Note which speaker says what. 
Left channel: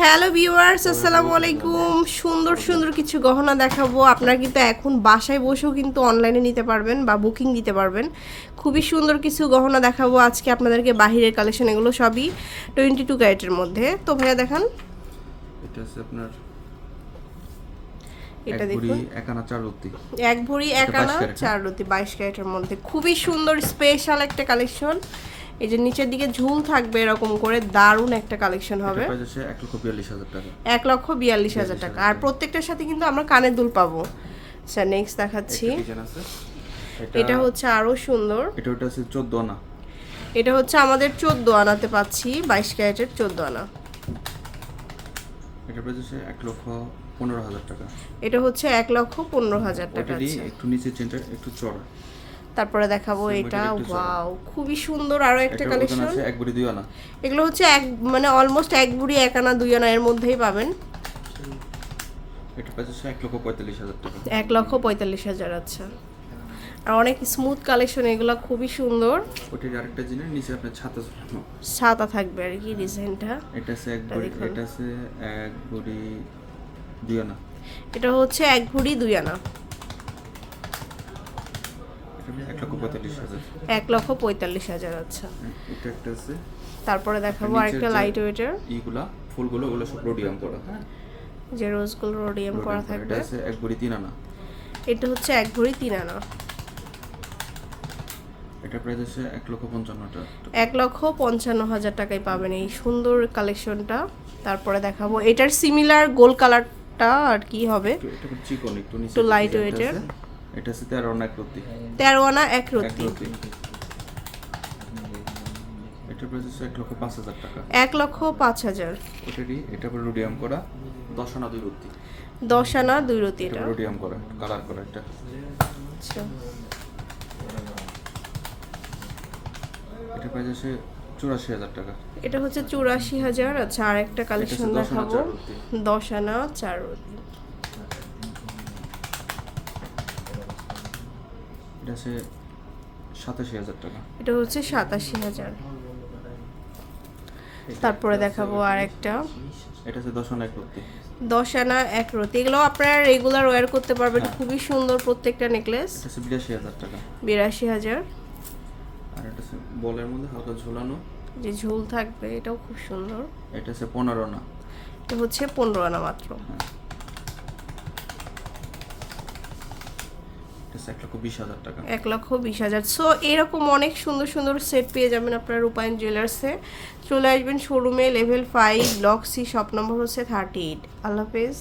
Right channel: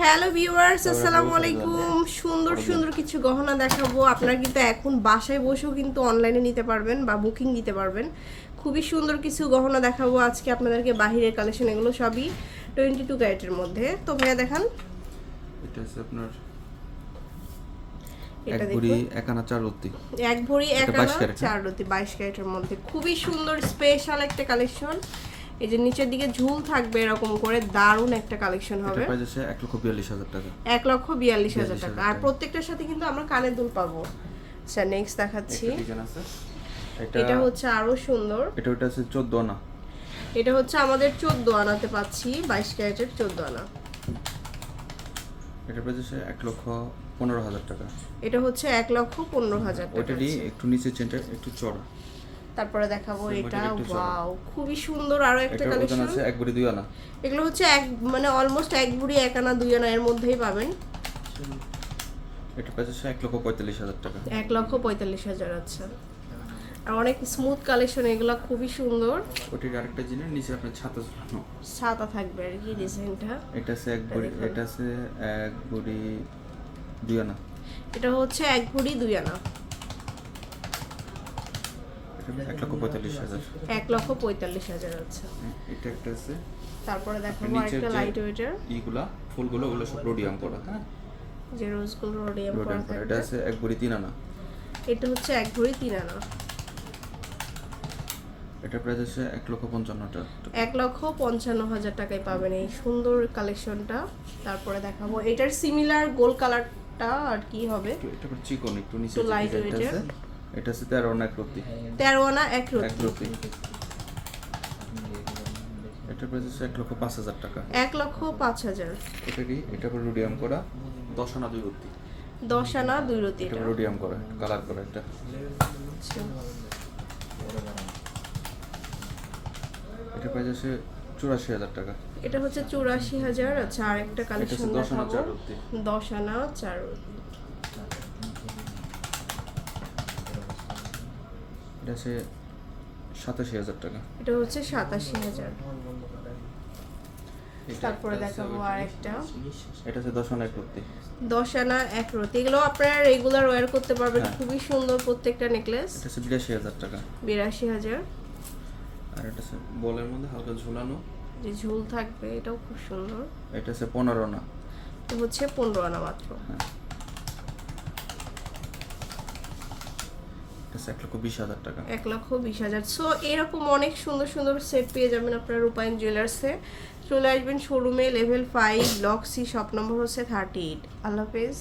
Speaker 1: Hello viewers আসসালামু আলাইকুম সুন্দর সুন্দর কিছু গহনা দেখাবো। আপনারা কিন্তু এখন বাসায় বসেও কিন্তু অনলাইনে নিতে পারবেন বা বুকিং দিতে পারবেন। খুবই সুন্দর কিছু গহনা দেখাবো আজকে আপনাদেরকে বাহিরের কালেকশন এগুলো সবই টোয়েন্টি টু ক্যারেটের মধ্যে। তো ভাইয়া দেখান।
Speaker 2: এটা হচ্ছে আপনার
Speaker 1: এটা
Speaker 2: এক ভরি
Speaker 1: দেখুন।
Speaker 2: এক আনা চার রত্তি।
Speaker 1: এক ভরি এক
Speaker 2: এটা 22
Speaker 1: আনা
Speaker 2: ক্যারেট,
Speaker 1: চার রতি বাইশ ক্যারেটের মধ্যে। খুবই সুন্দর স্পেশাল একটা কালেকশন এই যে নিচের দিকে ঝুল থাকবে এরকম করে দারুণ একটা কালেকশন হবে।
Speaker 2: এক লক্ষ বিয়াল্লিশ হাজার টাকা।
Speaker 1: এক লক্ষ বিয়াল্লিশ হাজার টাকা। আর প্রত্যেকটার সাথে কিন্তু আমরা কানের দুল পাবো। স্যার নেক্সট দেখাচ্ছি।
Speaker 2: এটা
Speaker 1: হচ্ছে আরও সুন্দর।
Speaker 2: এটা ওটা আছে চোদ্দ আনা।
Speaker 1: এটা হচ্ছে আমাদের চোদ্দ আনাতে পাচ্ছি বাইশ ক্যারেটের চোদ্দ আনা।
Speaker 2: এটা প্রাইস আছে এক লক্ষ পনেরো হাজার টাকা।
Speaker 1: এটা হচ্ছে এক লক্ষ পনেরো হাজার টাকা
Speaker 2: একটু নিচে চেনটা একটু চড়া
Speaker 1: তারপরে দেখাবো এটা। ওয়াও খুবই সুন্দর আরও একটা কালেকশন
Speaker 2: আছে এক ভরি দুই আনা।
Speaker 1: এগুলো হচ্ছে এক মানে অলমোস্ট এক বুড়ি এক আনা দুই আনা এর মধ্যেই পাবেন।
Speaker 2: এটা আছে এক লক্ষ পঁয়তাল্লিশ হাজার টাকা।
Speaker 1: এক লক্ষ পঁয়তাল্লিশ হাজার আছে। আর অনেক স্মুথ কালেকশন এগুলো খুবই সুন্দর।
Speaker 2: ওটির আরেকটা জিনিস নিচে আপনার ছাতা ঝুলানো।
Speaker 1: সাদা থাকবে আর কি ডিজাইনটা।
Speaker 2: এটা আছে এক
Speaker 1: দেখুন।
Speaker 2: এটা আছে এক ভরি দুই আনা।
Speaker 1: এটা হচ্ছে এক ভরি দুই আনা।
Speaker 2: এক লক্ষ পঁয়তাল্লিশ হাজার।
Speaker 1: এক লক্ষ পঁয়তাল্লিশ হাজার আচ্ছা।
Speaker 2: এটা একটা আছে।
Speaker 1: তারপরে দেখাবো আরেকটা লাইট ওয়েটের
Speaker 2: ইগুলা ফুলগুলো ওগুলো সব রোডিয়াম করা হ্যাঁ?
Speaker 1: যে রোজগুলো রোডিয়াম করা
Speaker 2: রোডিয়াম এটা আছে এক ভরি তিন আনা।
Speaker 1: এটা হচ্ছে এক ভরি তিন আনা।
Speaker 2: এটা প্রাইস আছে এক লক্ষ পঞ্চান্ন টাকা।
Speaker 1: এক লক্ষ পঞ্চান্ন হাজার টাকায় পাবেন এই সুন্দর কালেকশনটা তারপরে দেখাবো এটার সিমিলার গোল কালারটা আর কি হবে?
Speaker 2: একটু এটা একটু চিকন একটু নিচে
Speaker 1: একটু
Speaker 2: যে এটা হচ্ছে তেরো আনা এক রত্তি
Speaker 1: তেরো আনা এক
Speaker 2: রত্তি এটা প্রাইস হচ্ছে এক লক্ষ পাঁচ হাজার টাকা।
Speaker 1: এক লক্ষ পাঁচ হাজার।
Speaker 2: ওটারই এটা পরে রোডিয়াম করা। দশ আনা দুই রত্তি
Speaker 1: দশ আনা দুই রতি
Speaker 2: এটা রোডিয়াম করা কালার করা এটা।
Speaker 1: আচ্ছা।
Speaker 2: এটা প্রাইস আছে চুরাশি হাজার টাকা।
Speaker 1: এটা হচ্ছে চুরাশি হাজার। আচ্ছা আর একটা কালেকশন দেখাবো। দশ আনা চার রতি।
Speaker 2: এটা আছে সাতাশি হাজার টাকা।
Speaker 1: এটা হচ্ছে সাতাশি হাজার। তারপরে দেখাবো আর একটা
Speaker 2: এটা আছে দশ আনা এক রত্তি।
Speaker 1: দশ আনা এক রতি এগুলো আপনারা রেগুলার ওয়্যার করতে পারবেন।
Speaker 2: হ্যাঁ।
Speaker 1: খুবই সুন্দর প্রত্যেকটা নেকলেস
Speaker 2: এটা আছে বিরাশি হাজার টাকা।
Speaker 1: বিরাশি হাজার।
Speaker 2: আর এটা আছে বলের মধ্যে হালকা ঝুলানো।
Speaker 1: যে ঝুল থাকবে এটাও খুব সুন্দর।
Speaker 2: এটা আছে পনেরো আনা।
Speaker 1: এটা হচ্ছে পনেরো আনা মাত্র।
Speaker 2: হ্যাঁ। আছে এক লক্ষ বিশ হাজার টাকা।
Speaker 1: এক লক্ষ বিশ হাজার। সো এরকম অনেক সুন্দর সুন্দর সেট পেয়ে যাবেন আপনার রূপায়ণ জুয়েলার্সে চলে আসবেন শোরুমে level five block C shop number হচ্ছে থার্টি এইট আল্লাহ হাফেজ।